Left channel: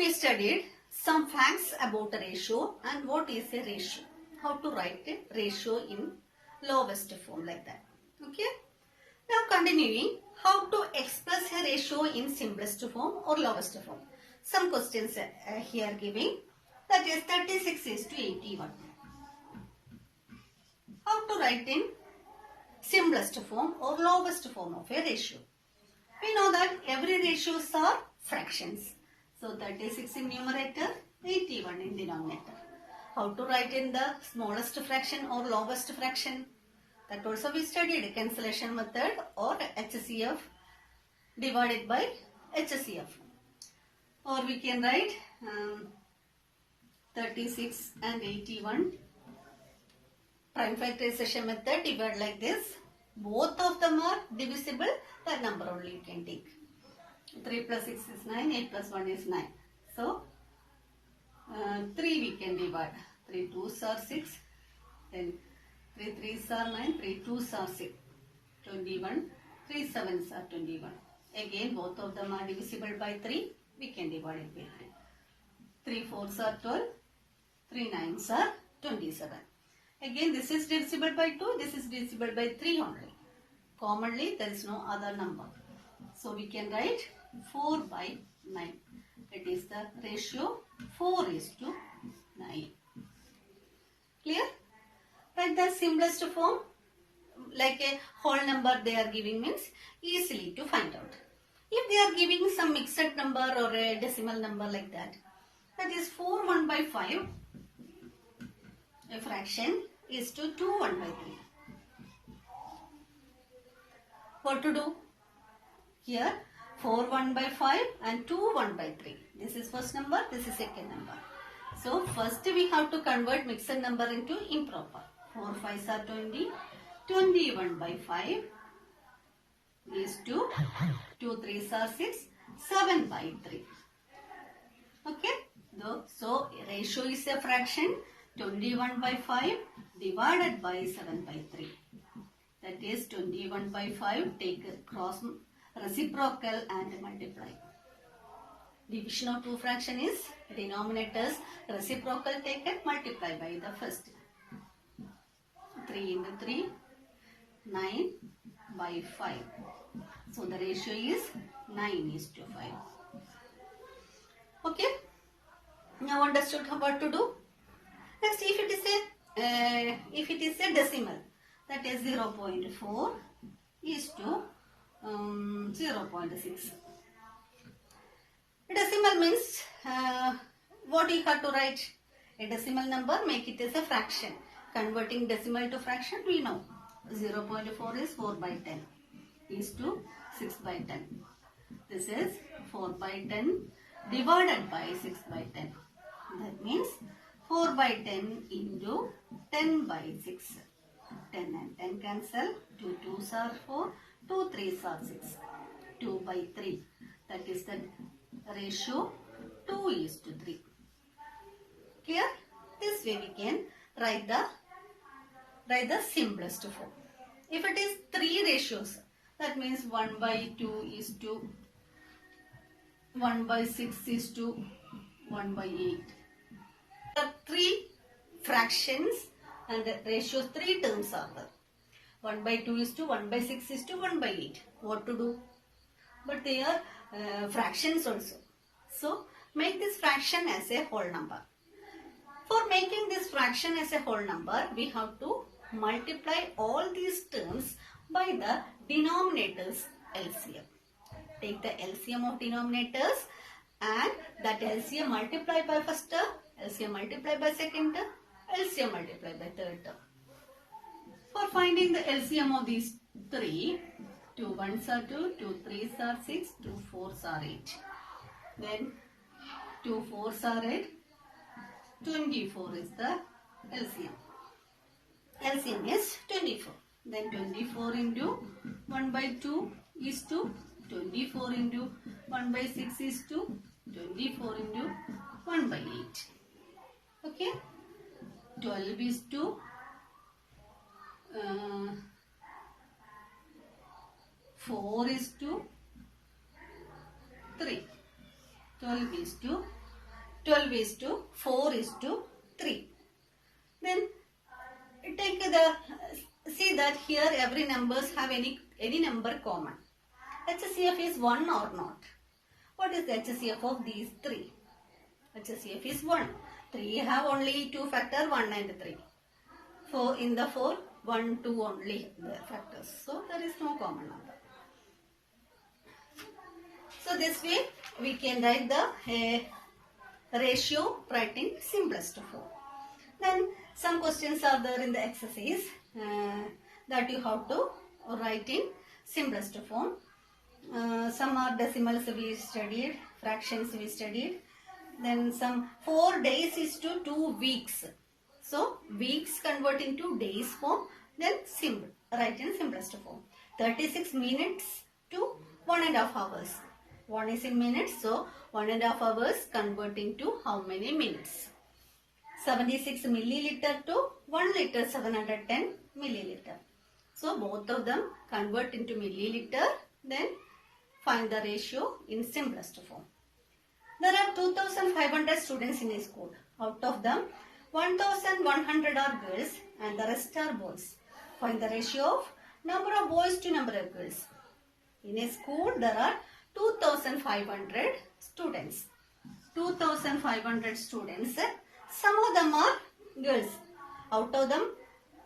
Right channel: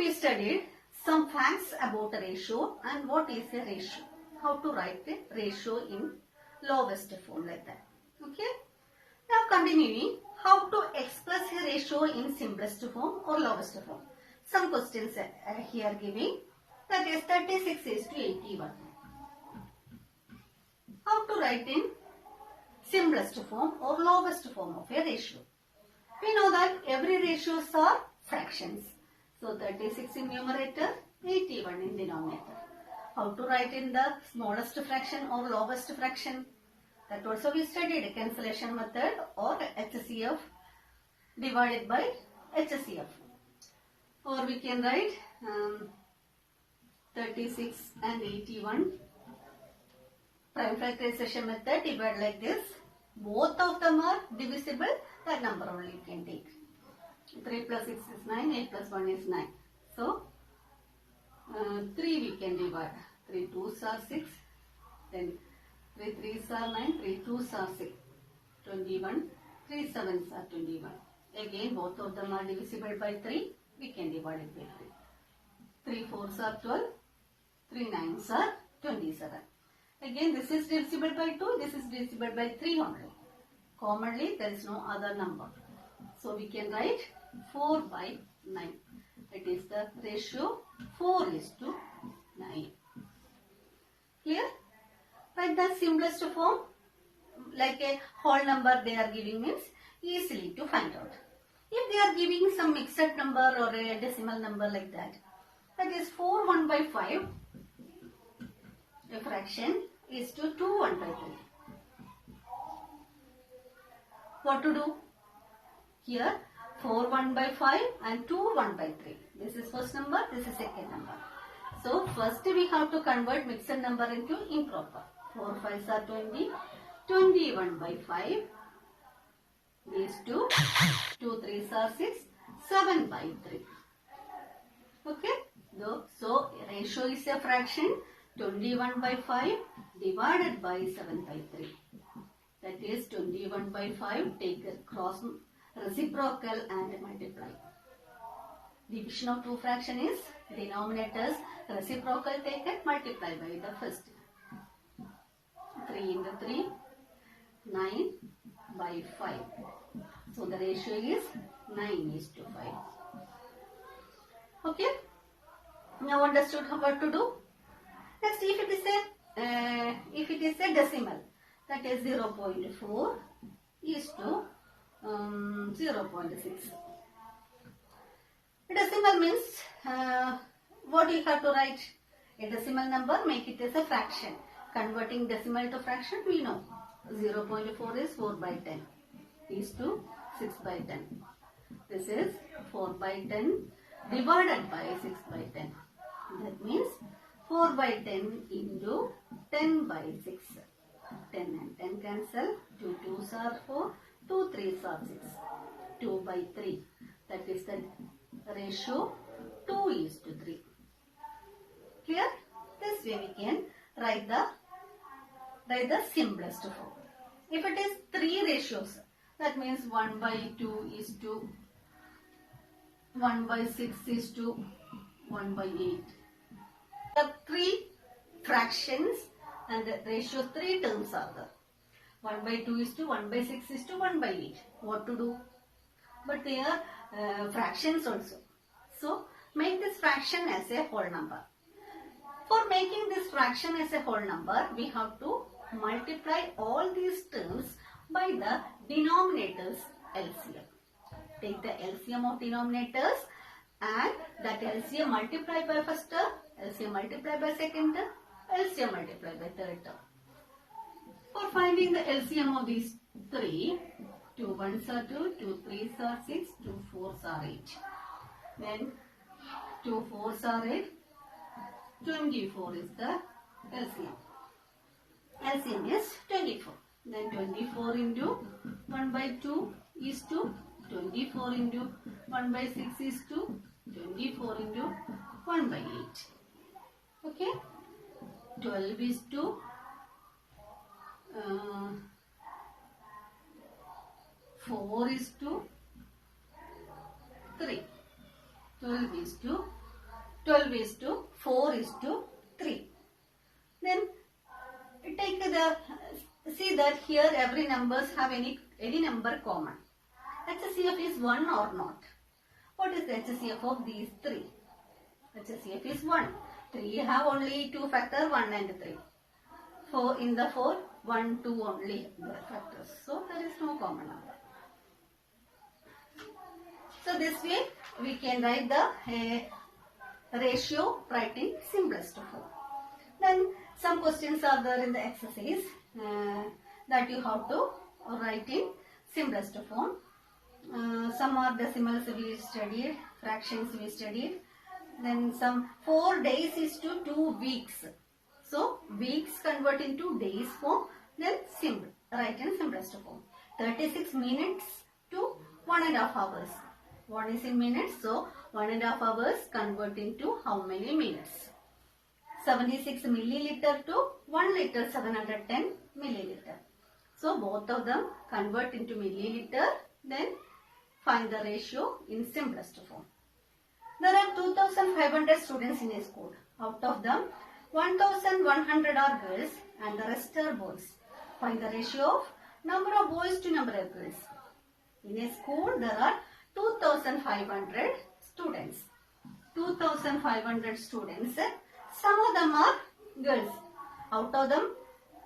we studied some facts about a ratio and what is a ratio. How to write a ratio in lowest form like that. Okay. Now continuing, how to express a ratio in simplest form or lowest form. Some questions here giving, that is 36 is to 81. How to write in simplest form or lowest form of a ratio. We know that every ratios are fractions. So 36 in numerator, 81 in denominator. How to write in the smallest fraction or lowest fraction? That also we studied cancellation method or HCF divided by HCF. Or we can write 36 and 81 prime factorization method divide like this. Both of them are divisible, that number only you can take. 3 plus 6 is 9, 8 plus 1 is 9. So 3 we can divide. 3 2s are 6, then 3 3s are 9, 3 2s are 6, 21, 3 7s are 21. Again both of them are divisible by 3, we can divide it by 3. 3 4s are 12, 3 9s are 27. Again this is divisible by 2, this is divisible by 3 only. Commonly there is no other number. So we can write 4 by 9. It is the ratio 4 is to 9. Clear? Write the simplest form, like a whole number they are giving means easily to find out. If they are giving some mixed number or a decimal number like that, that is 4 1 by 5, a fraction is to 2 1 by 3. What to do? Here 4 1 by 5 and 2 1 by 3. This is first number, this is second number. So first we have to convert mixed number into improper. 4 5s are 20, 21 by 5 is 2, 2 3s are 6, 7 by 3. Okay. So ratio is a fraction, 21 by 5 divided by 7 by 3. That is 21 by 5, take a cross reciprocal and multiply. Division of two fraction is denominators reciprocal taken, multiply by the first. 3 into 3, 9 by 5. So the ratio is 9 is to 5. Okay. Now understood what to do. Next, if it is a decimal, that is 0.4 is to 0.6. Decimal means what you have to write? A decimal number, make it as a fraction. Converting decimal to fraction, we know 0.4 is 4 by 10 is to 6 by 10. This is 4 by 10 divided by 6 by 10. That means 4 by 10 into 10 by 6. 10 and 10 cancel. 2 2s are 4, 2 3s are 6. 2 by 3. That is the ratio 2 is to 3. Clear? This way we can write the simplest form. If it is 3 ratios, that means 1 by 2 is to 1 by 6 is to 1 by 8. There are 3 fractions and the ratios 3 terms are there. 1 by 2 is to 1 by 6 is to 1 by 8. What to do? But they are fractions also. So make this fraction as a whole number. For making this fraction as a whole number, we have to multiply all these terms by the denominators LCM. Take the LCM of denominators and that LCM multiply by first term, LCM multiply by second term, LCM multiply by third term. For finding the LCM of these 3, 2 1s are 2, 2 3s are 6, 2 4s are 8. Then 2 4s are 8, 24 is the LCM. LCM is 24. Then 24 into 1 by 2 is to 24 into 1 by 6 is to 24 into 1 by 8. Okay. 12 is to 4 is to 3. 12 is to 12 is to 4 is to 3. Then take the, see that here every numbers have any number common. HCF is 1 or not? What is the HCF of these 3? HCF is 1. 3 have only 2 factor 1 and 3. 4 in the 4, 1, 2 only the factors. So there is no common number. So this way we can write the ratio writing simplest form. Then some questions are there in the exercise that you have to write in simplest form. Some are decimals we studied, fractions we studied. Then some 4 days is to 2 weeks. So weeks convert into days form. Then simple, write in simplest form. 36 minutes to 1.5 hours. 1 is in minutes, so 1.5 hours convert into how many minutes? 76 milliliter to 1 liter 710 milliliter. So both of them convert into milliliter, then find the ratio in simplest form. There are 2,500 students in a school. Out of them, 1,100 are girls and the rest are boys. Find the ratio of number of boys to number of girls. In a school, there are 2,500 students. 2,500 students. Some of them are girls. Out of them,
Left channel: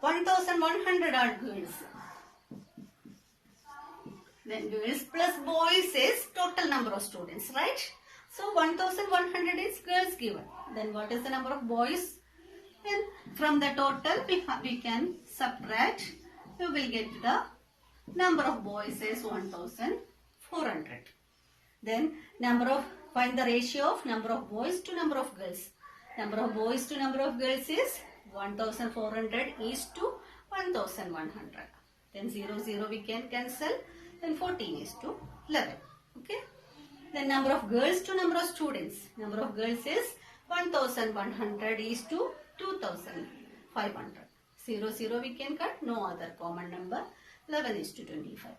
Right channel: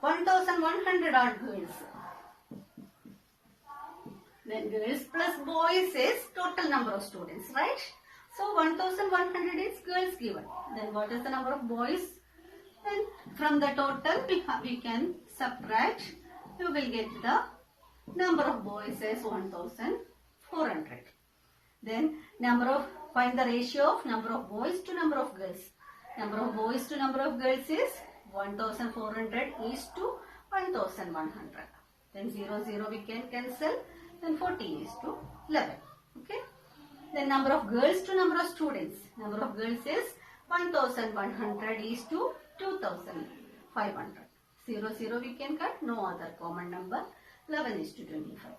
1,100 are girls. Then girls plus boys is total number of students, right? So 1,100 is girls given. Then what is the number of boys? Then from the total we can subtract. We will get the number of boys is 1,400. Then find the ratio of number of boys to number of girls. Number of boys to number of girls is 1,400 is to 1,100. Then 0, 0 we can cancel. Then 14 is to 11. Okay. Then number of girls to number of students. Number of girls is 1,100 is to 2,500. 0, 0 we can cut. No other common number. 11 is to 25.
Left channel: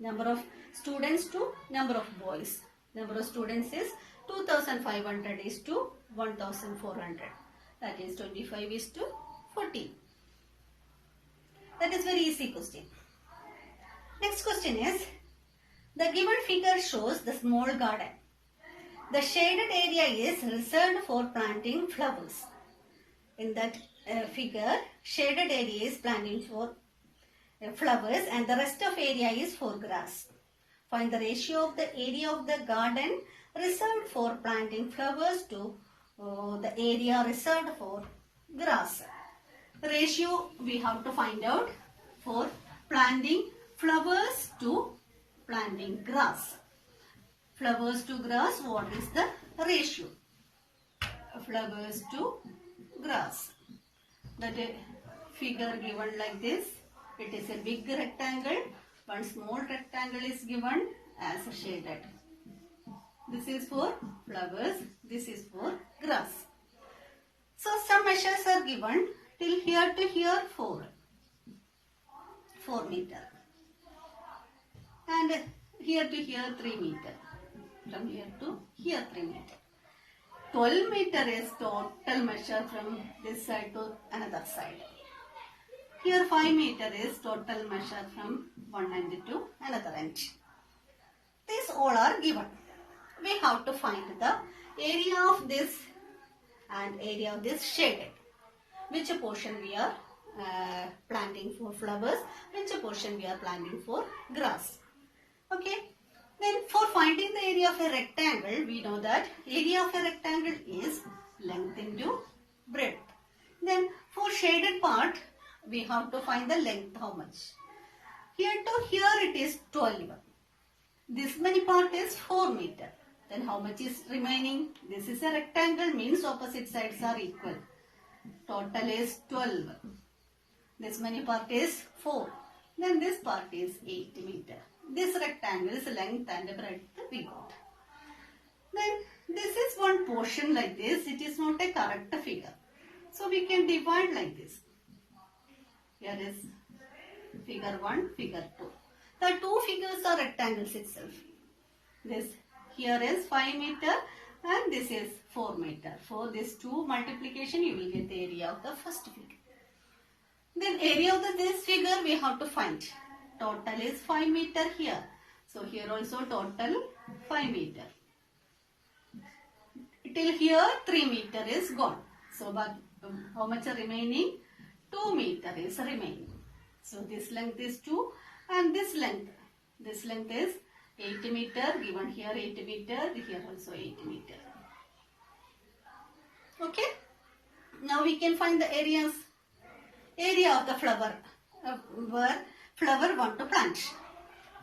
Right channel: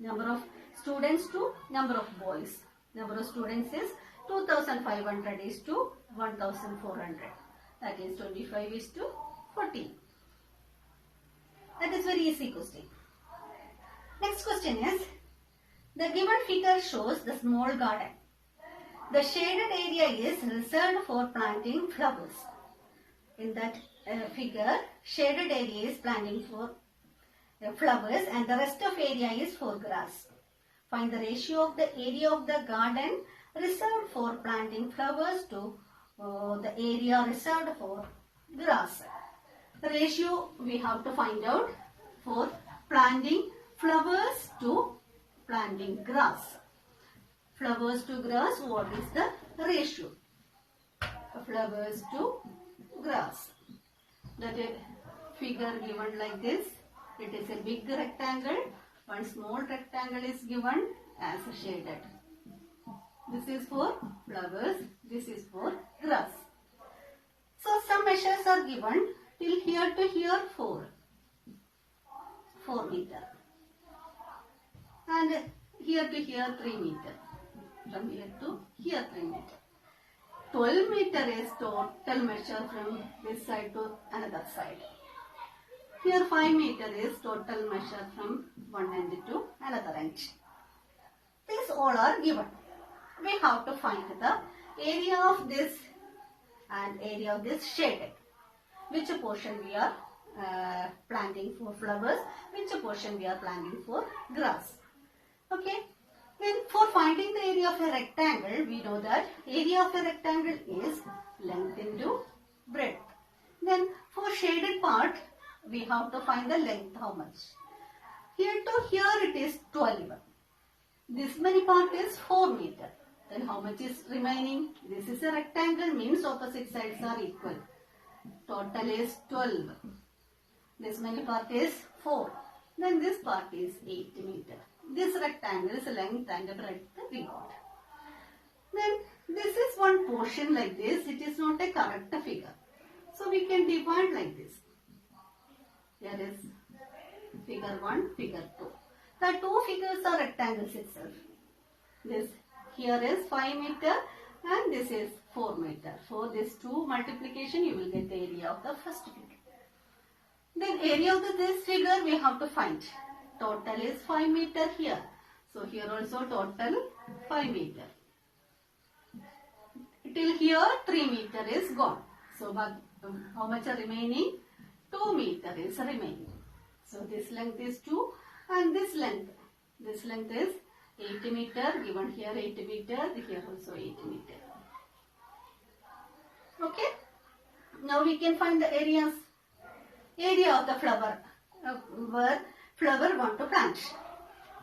Number of students to number of boys. Number of students is 2,500 is to 1,400. That is 25 is to 14. That is very easy question. Next question is, the given figure shows the small garden. The shaded area is reserved for planting flowers. In that figure, shaded area is planting for flowers and the rest of area is for grass. Find the ratio of the area of the garden reserved for planting flowers to the area reserved for grass. The ratio we have to find out for planting flowers to planting grass. Flowers to grass, what is the ratio? Flowers to grass. The figure given like this. It is a big rectangle. One small rectangle is given as shaded. This is for flowers. This is for grass. So some measures are given till here to here 4 meter. And here to here 3 meter. From here to here 3 meter. 12 meter is total measure from this side to another side. Here 5 meter is total measure from one end to another end. These all are given. We have to find the area of this and area of this shaded. Which portion we are planting for flowers, which portion we are planting for grass. Okay. Then for finding the area of a rectangle, we know that area of a rectangle is length into breadth. Then for shaded part, we have to find the length how much. Here to here it is 12. This many part is 4 meter. Then how much is remaining? This is a rectangle, means opposite sides are equal. Total is 12. This many part is 4. Then this part is 8 meter. This rectangle is length and breadth we got. Then this is one portion like this. It is not a correct figure. So we can divide like this. Here is figure 1, figure 2. The two figures are rectangles itself. This here is 5 meter and this is 4 meter. For this 2 multiplication, you will get the area of the first figure. Then area of this figure we have to find. Total is 5 meter here. So here also total 5 meter. Till here 3 meter is gone. So but how much are remaining? 2 meter is remaining. So this length is 2 and this length is 8 meter, given here 8 meter, here also 8 meter. Okay. Now we can find the areas. Area of the flower where flower want to plant.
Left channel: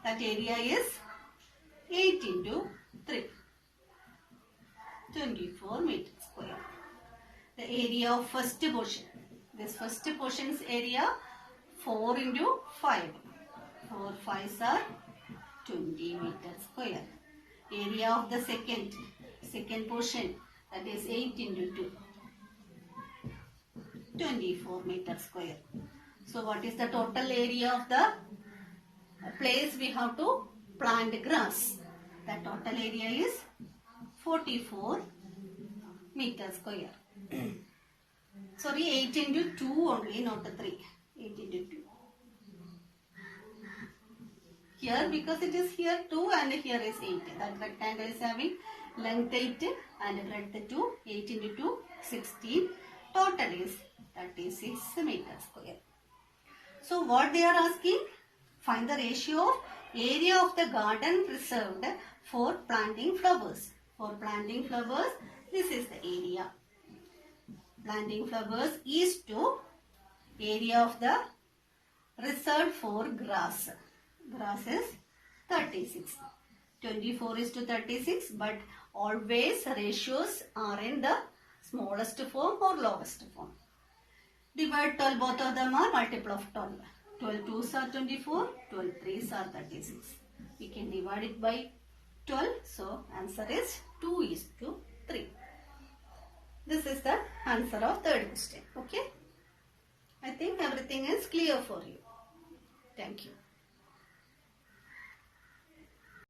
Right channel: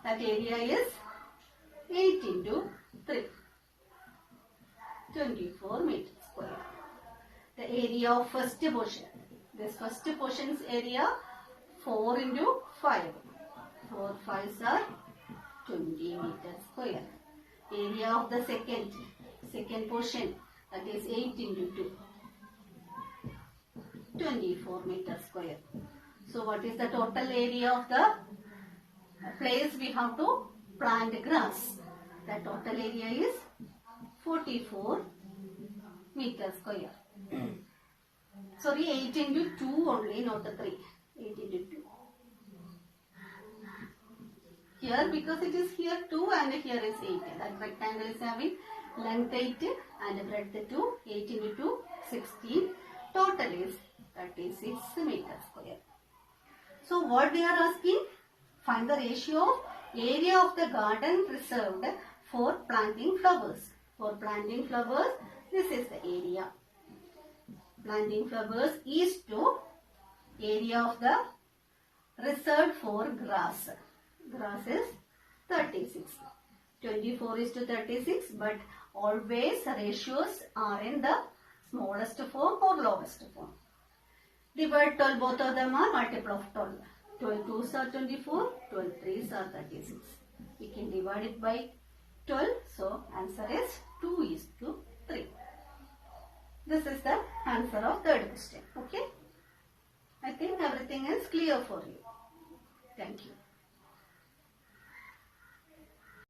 That area is 8 into 3. 24 meters square. The area of first portion. This first portion's area 4 into 5. 4 5s are 20 meters square. Area of the second portion, that is 8 into 2. 24 meters square. So what is the total area of the place we have to plant grass? The total area is 44 meters square. Sorry, 8 into 2 only, not the 3. 8 into 2. Here, because it is here 2 and here is 8. That rectangle is having length 8 and breadth 2. 8 into 2, 16. Total is 36 meters square. So what they are asking? Find the ratio of area of the garden reserved for planting flowers. For planting flowers, this is the area. Planting flowers is to area of the reserved for grass. Grass is 36. 24 is to 36, but always ratios are in the smallest form or lowest form. Divide 12, both of them are multiple of 12. 12 2s are 24, 12 3s are 36. We can divide it by 12, so answer is 2 is to 3. This is the answer of third question. Okay? I think everything is clear for you. Thank you.